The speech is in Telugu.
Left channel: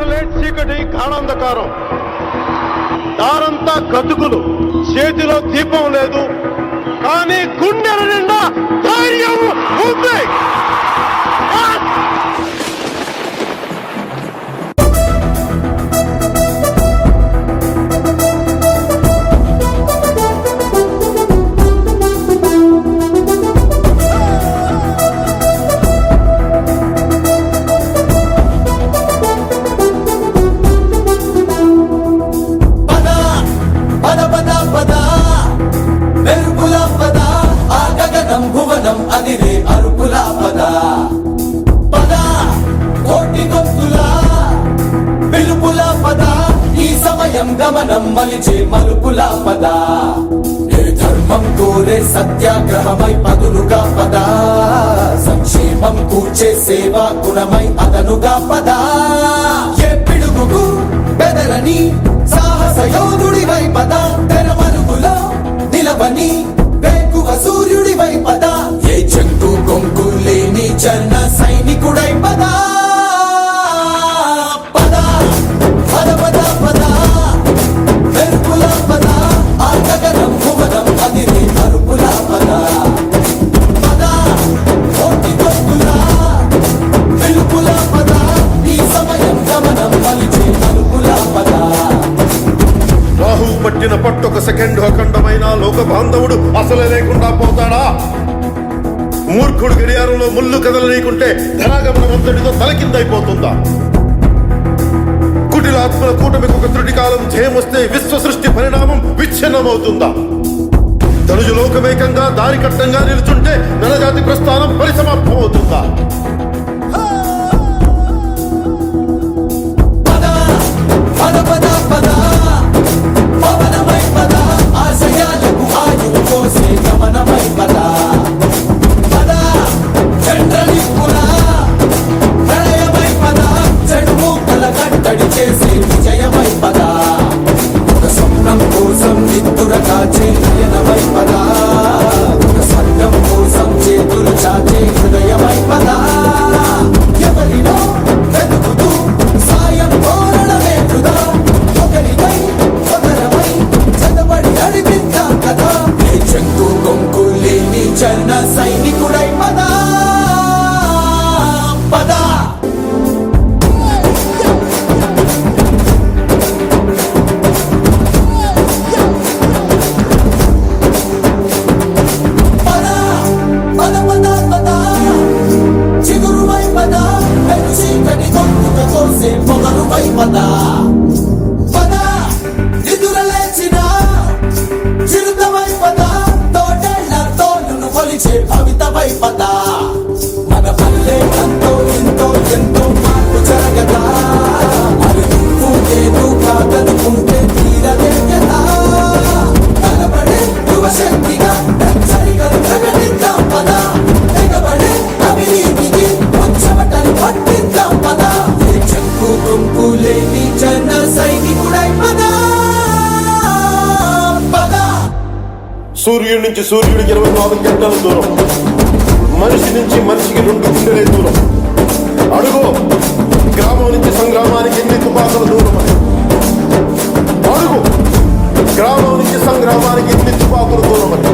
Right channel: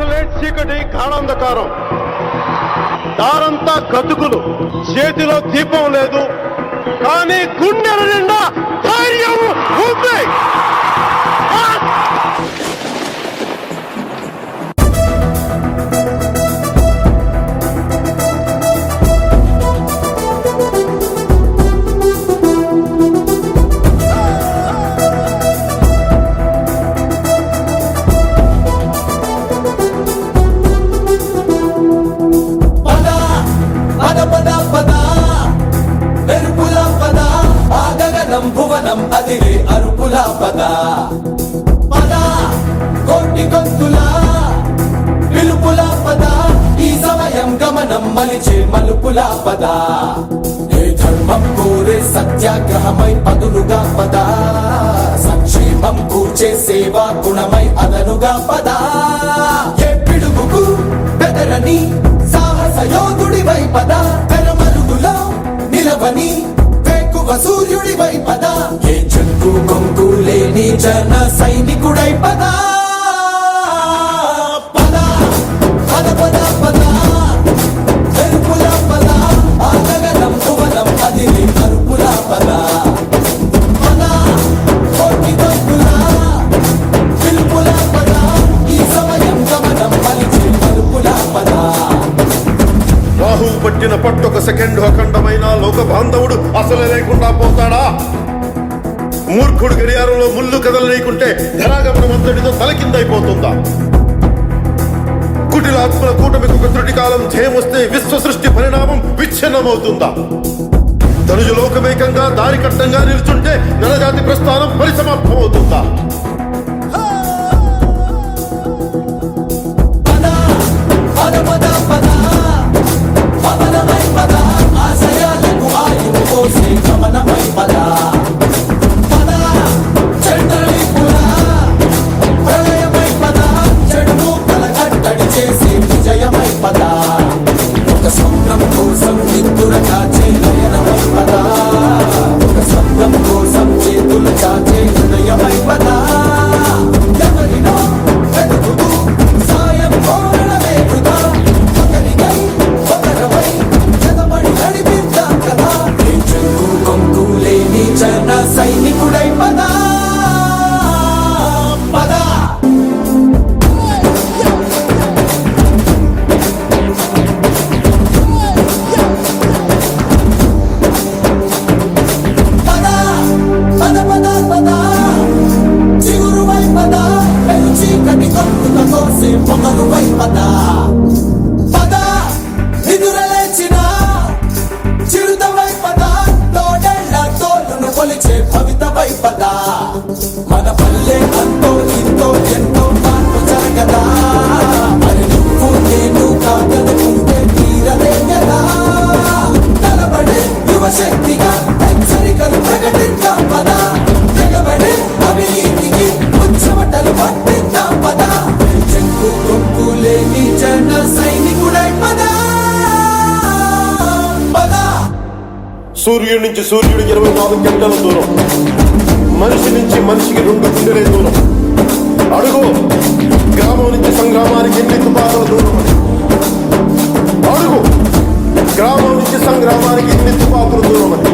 అసలే చీకటి గాఢాంధకారం, దారంతా గతుకులు, చేతిలో దీపం లేదు, కానీ గుండెల నిండా ధైర్యం ఉంది. మలిచే మలుపులా పద, ఏ ధర్మం కోరే సత్యాగ్రహమై పదులుగా పద, సంక్షేమం కూర్చే సేవా గుణమై అదనుగా పద, ఏ పిడుగుకు బెదరని సాహస యోధుడివై పద, తెరమరుగులో నిలవని వేకువ సూర్యుడివై పద, ఏ చెంగు కొంకు లేని జన సైనికుడై పద. రాహువు పట్టిన పట్టొక సెకండ్ అఖండమైన లోక బాంధవుడు అసలే లేకుండా పోతాడా? మూర్ఖుడు గడియారంలో ముళ్ళు కదలనీకుంటే ధరాగమనం అంతటితో తలకిందైపోతుందా? కుటిలాత్మల కూటమికి ఒక త్రుటి కాలం జయమొస్తే విశ్వ సృష్టి పరిణామం విచ్ఛిన్నమవుతుందా? ధనుజు లోకమేకంగా దారి కట్టంగా నిలుచుంటే నరజాతి ప్రస్థానం పరిసమాప్తమవుతుందా? మన పల్లె అంతో ఎంతో ఎంతో మార్పు జరగదా, మరి నువ్వు నేను కాదనుకుంటే తీరదే కదా, కనబడే యువశక్తిగా హెచ్చరికలు ప్రకటిద్దాం పద, తెగబడే అవినీతిని ముచ్చమటలు పట్టిద్దాం పద, చెక్కు కొంపు లేని జన సైనికుడై పద. సూర్యుడి నుంచి సూర్యుడు 24 గంటల దూరం, మనిషి నుంచి మనిషికి 2 గుండెలే దూరం. అడుగు గ్రామం నుంచి సంగ్రామానికి ఎన్ని తుపాకుల దూరం అని. అడుగు గ్రామం నుంచి సంగ్రామానికి ఎన్ని తుపాకుల దూరం అని.